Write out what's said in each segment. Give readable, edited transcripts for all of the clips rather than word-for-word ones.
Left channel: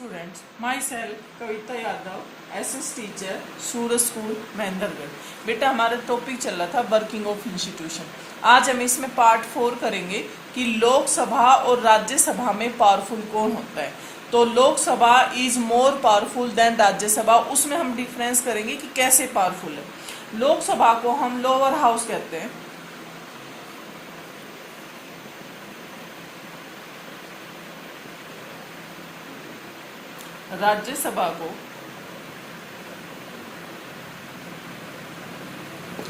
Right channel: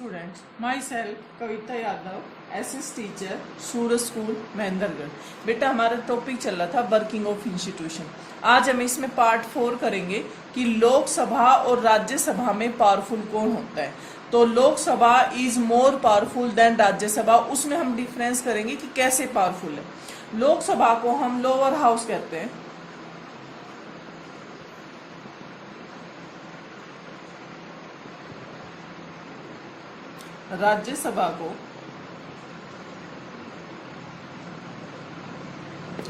Students, myself कविता Yadav, SS teacher, सूरज school Mahendragarh. बेटा हमारा topic चल रहा था वर्किंग ऑफ इंस्टीट्यूशन। आज हम इसमें पार्ट 4 करेंगे कि लोकसभा और राज्यसभा में पावरफुल कौन होता है। तो Lok Sabha is more powerful than Rajya Sabha. उसमें हम डिफरेंस करेंगे कि कैसे पावरफुल है। लोकसभा को हम लोअर हाउस कहते हैं, राज्यसभा को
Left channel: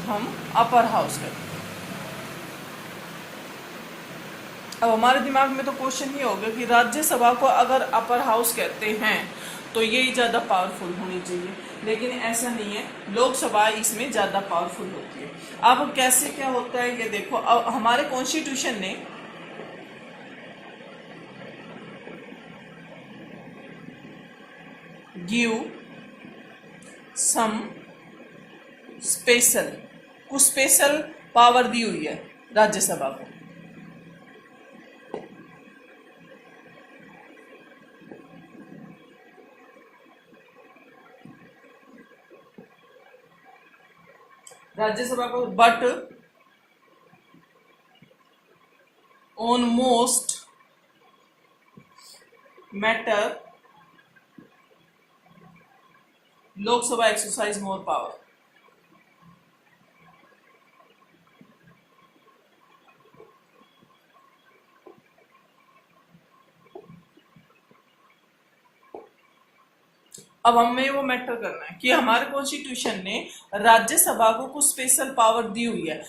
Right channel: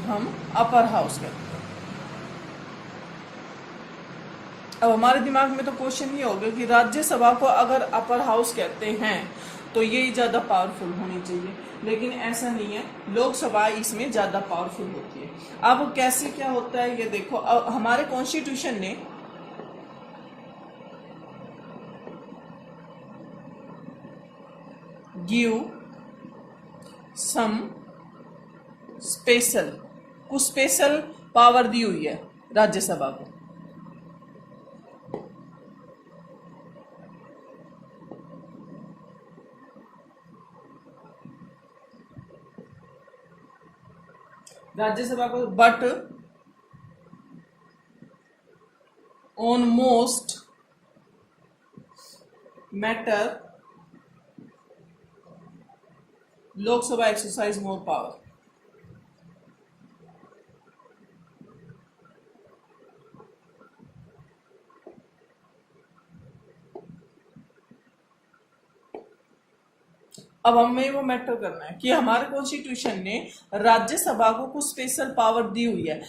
हम अपर हाउस कहते हैं। अब हमारे दिमाग में तो क्वेश्चन ये हो गया कि राज्यसभा को अगर अपर हाउस कहते हैं तो ये ज्यादा पावरफुल होनी चाहिए, लेकिन ऐसा नहीं है। लोकसभा इसमें ज्यादा पावरफुल होती है। अब कैसे क्या होता है ये देखो। अब हमारे कॉन्स्टिट्यूशन ने गिव सम स्पेशल, कुछ स्पेशल पावर दी हुई है राज्यसभा को। राज्यसभा को but on most matter Lok Sabha exercise more power. अब हमें वो मैटर करना है कि हमारे कॉन्स्टिट्यूशन ने राज्यसभा को कुछ स्पेशल पावर दी हुई है।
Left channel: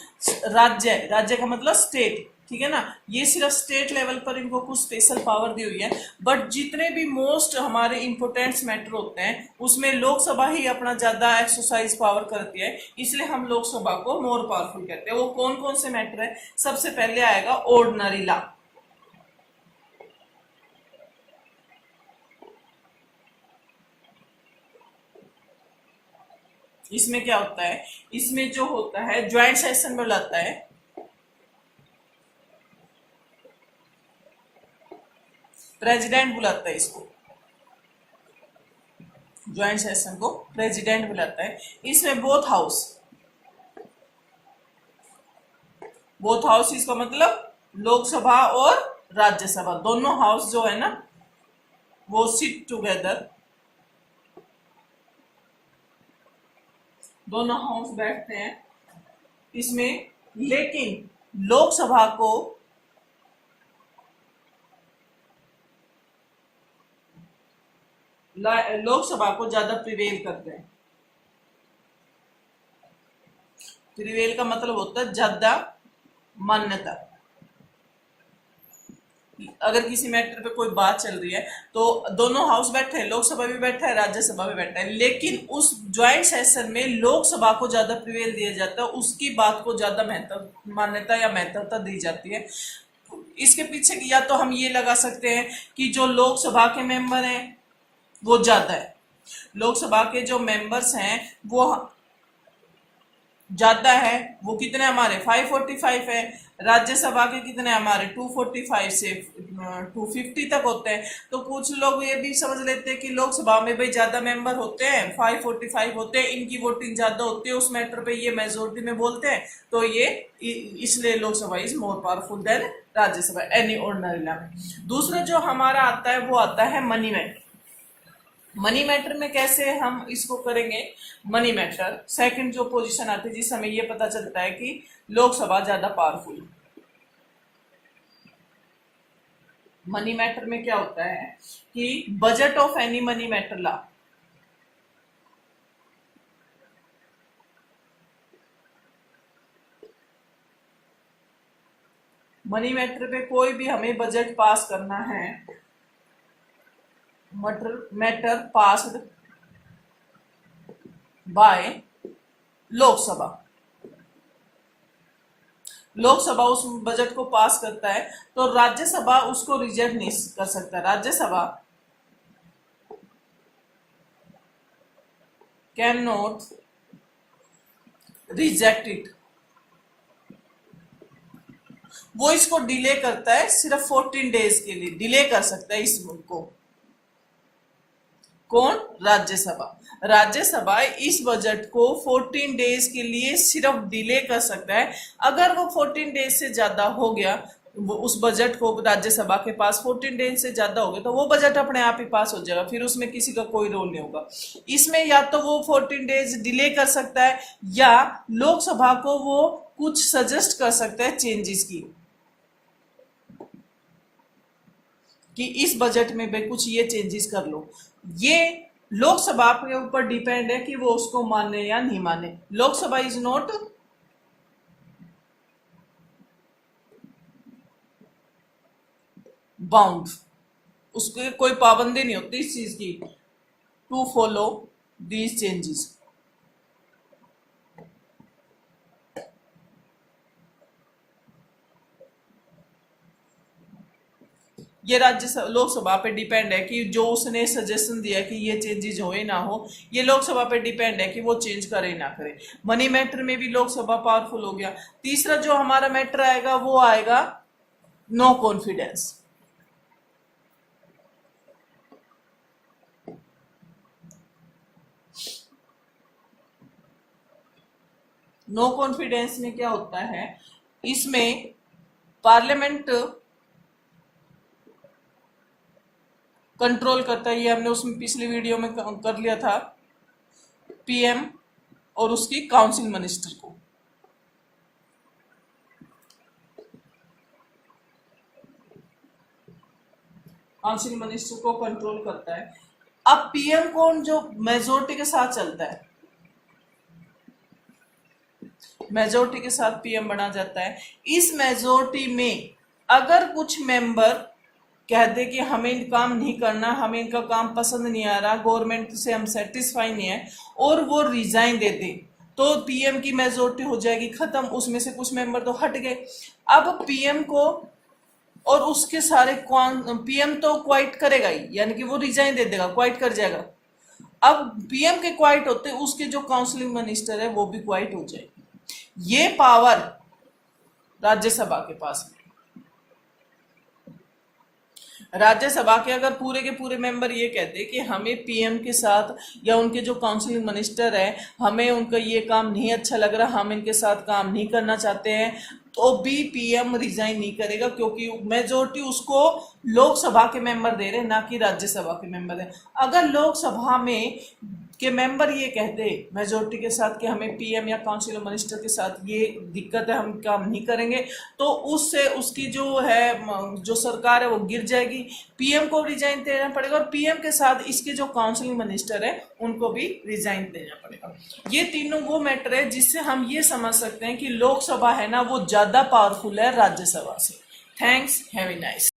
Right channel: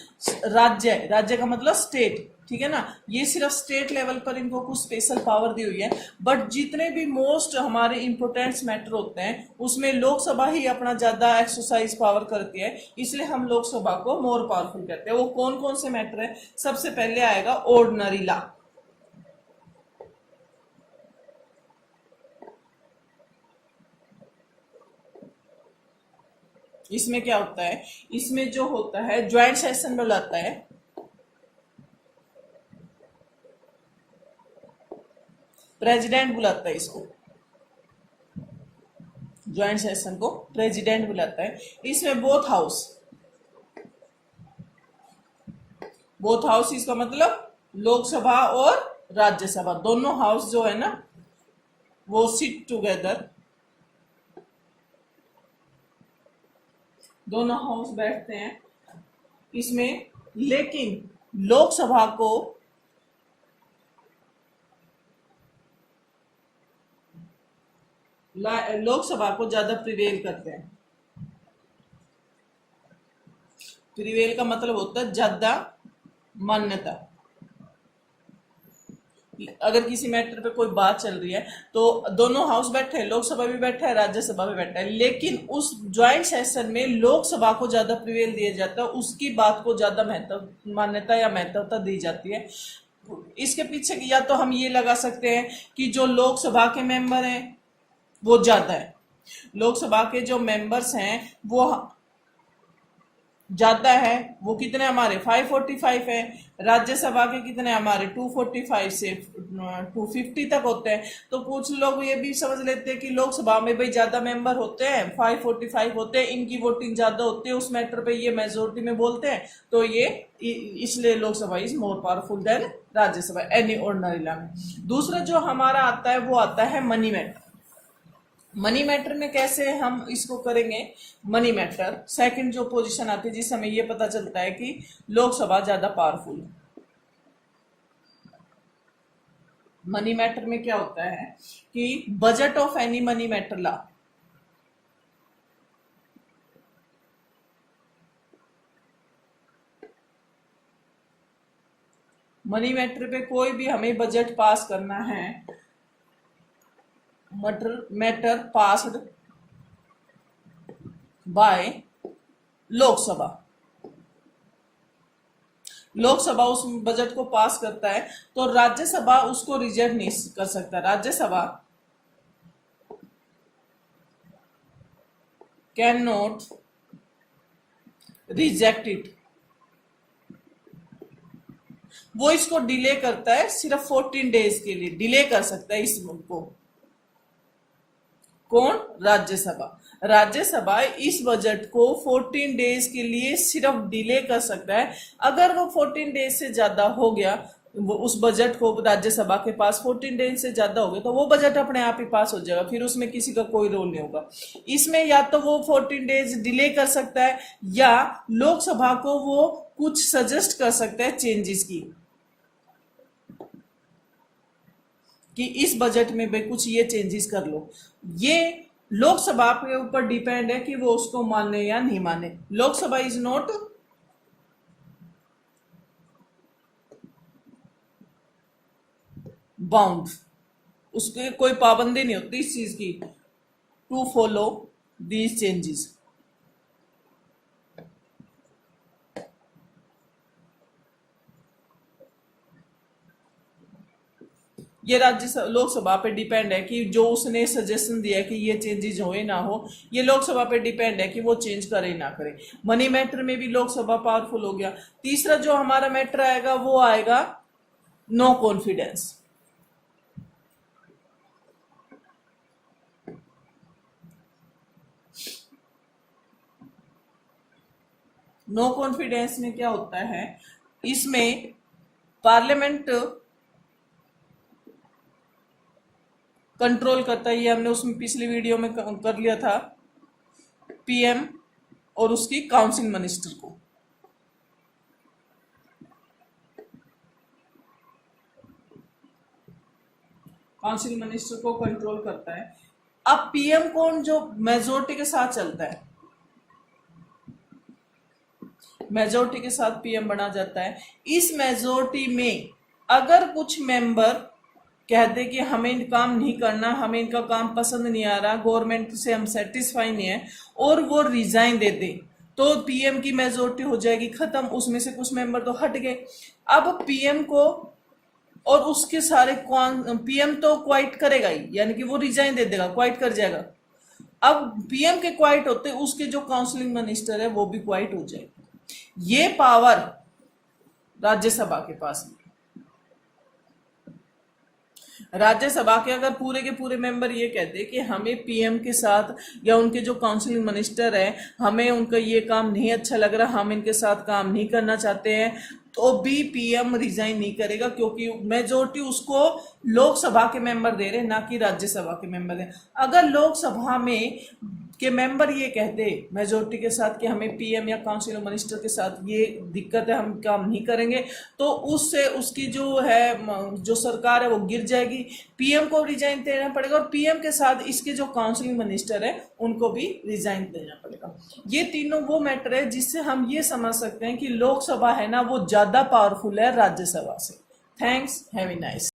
राज्य, राज्य का मतलब स्टेट, ठीक है ना। ये सिर्फ स्टेट लेवल पर इनको कुछ स्पेशल पावर दी हुई है, बट जितने भी मोस्ट हमारे इंपोर्टेंट मैटर होते हैं उसमें लोकसभा ही अपना ज्यादा एक्सरसाइज पावर करती है, इसलिए हम लोकसभा को मोर पावरफुल कहते हैं। वो कौन कौन से मैटर है? सबसे पहले आएगा ऑर्डिनरी लॉ। इसमें क्या होता है? इसमें जो होता है ज्वाइंट सेशन बुलाता है, प्रेसिडेंट बुलाता है इसको, ज्वाइंट सेशन को प्रेसिडेंट बुलाता है। इसमें बोथ हाउस इसका मतलब लोकसभा और राज्यसभा दोनों हाउस जो है ना वो सिट टुगेदर, दोनों हाउस बैठते हैं इसमें। लेकिन लोकसभा को ज्यादा प्रिवेल करते हैं। प्रिवेल का मतलब होता है ज्यादा मान्यता। अगर किसी मैटर पे कोई बात चल रही है तो दोनों हाउस बैठे हैं, लोकसभा भी बैठा है, राज्यसभा भी बैठा है, लेकिन उस ज्वाइंट सेशन में लोकसभा को ज्यादा प्रिवेल दिया जाता है, उसकी बात को ज्यादा मान्यता या महत्वता दी जाती है। इसके पीछे या तो हम ये लगा सकते हैं कि जो लोकसभा के मेंबर हैं वो ज्यादा है, लोकसभा के जो मेंबर्स हैं वो ज्यादा है। वो कितने हमारे 545 है, राज्यसभा के कितने हमारे 245 से 250 तक होते हैं। तो कुछ लोग ये भी समझ लेते हैं कि लोकसभा में भाई ज्यादा मेंबर होते हैं, 545 होते हैं, इनकी वोटिंग ज्यादा होती है उस मैटर पे, ये मेजोरिटी में बोलते हैं, तो ये इसलिए Lok Sabha is more powerful than Rajya Sabha any ordinary law में। दूसरा जो हमारा आता है वो आता है मनी मैटर। मनी मैटर में कैसे हम इसको करेंगे? मनी मैटर सेकंड जो पोजीशन आती है जिससे हमें ये पता चलता है कि लोकसभा ज्यादा पावरफुल है। मनी मैटर में क्या होता है कि budget of any money matter law, money matter पे कोई भी हमें बजट पास करना है, matter passed by Lok Sabha, Lok Sabha उस बजट को पास करता है तो राज्यसभा उसको रिजेक्ट नहीं कर सकता। Rajya Sabha can not reject it. वो इसको डिले करता है, सिर्फ 14 डेज के लिए डिले कर सकता है इस को। कौन? राज्यसभा। राज्यसभा इस बजट को 14 डेज के लिए सिर्फ डिले कर सकता है। अगर वो 14 डेज से ज्यादा हो गया, वो उस बजट को राज्यसभा के पास 14 डेज से ज्यादा हो गया तो वो बजट अपने आप ही पास हो जाएगा, फिर उसमें किसी का कोई रोल नहीं होगा। इसमें या तो वो 14 डेज डिले कर सकता है या लोकसभा को वो कुछ सजेस्ट कर सकता है चेंजेस की, कि इस बजट में भी कुछ ये चेंजेस कर लो। ये लोकसभा के ऊपर डिपेंड है कि वो उसको माने या नहीं माने। लोकसभा इज नॉट बाउंड, उसके कोई पाबंदी नहीं होती इस चीज की, टू फॉलो दीज चेंजेस। ये लोकसभा पे डिपेंड है कि जो उसने सजेशन दिया है कि ये चेंजेस हो ना हो, ये लोकसभा पे डिपेंड है कि वो चेंज करे ना करे। मनी मैटर में भी लोकसभा पावरफुल हो गया। तीसरा जो हमारा मैटर आएगा वो आएगा नो कॉन्फिडेंस। नो कॉन्फिडेंस में क्या होता है, इसमें पार्लियामेंट कंट्रोल करता है। ये हमने उसमें पिछली वीडियो में कर लिया था, पीएम और उसकी काउंसिल मिनिस्टर को। काउंसिल मिनिस्टर को कंट्रोल करता है। अब पीएम कौन? जो मेजोरिटी के साथ चलता है, मेजोरिटी के साथ पीएम बना जाता है। इस मेजोरिटी में अगर कुछ मेंबर कहते कि हमें काम नहीं करना, हमें इनका काम पसंद नहीं आ रहा, गवर्नमेंट से हम सेटिस्फाई नहीं है, और वो रिजाइन दे दे, तो पीएम की मेजोरिटी हो जाएगी खत्म। उसमें से कुछ मेंबर तो हट गए। अब पीएम को और उसके सारे पीएम तो क्वाइट करेगा ही, यानी कि वो रिजाइन दे देगा, क्वाइट कर जाएगा। अब पीएम के क्वाइट होते उसके जो काउंसिलिंग मिनिस्टर है वो भी क्वाइट हो जाएगी। ये पावर राज्यसभा के पास है। राज्यसभा के अगर पूरे के पूरे मेंबर ये कहते कि हमें पीएम के साथ या उनके जो काउंसिल मिनिस्टर है, हमें उनका ये काम नहीं अच्छा लग रहा, हम इनके साथ काम नहीं करना चाहते हैं, तो भी पीएम रिजाइन नहीं करेगा, क्योंकि मेजोरिटी उसको लोकसभा के मेंबर दे रहे, ना कि राज्यसभा के मेंबर है। अगर लोकसभा में के मेंबर ये कहते मेजोरिटी के साथ कि हमें पीएम या काउंसिल मिनिस्टर के साथ ये दिक्कत है, हम काम नहीं करेंगे, तो उससे उसकी जो है जो सरकार है वो गिर जाएगी। पीएम को रिजाइन देना पड़ेगा और पीएम के साथ इसके जो काउंसिल मिनिस्टर है उनको भी रिजाइन देना पड़ेगा। ये तीनों वो मैटर है जिससे हम ये समझ सकते हैं कि लोकसभा है ना वो ज्यादा पावरफुल है राज्यसभा से। Thanks, have a nice.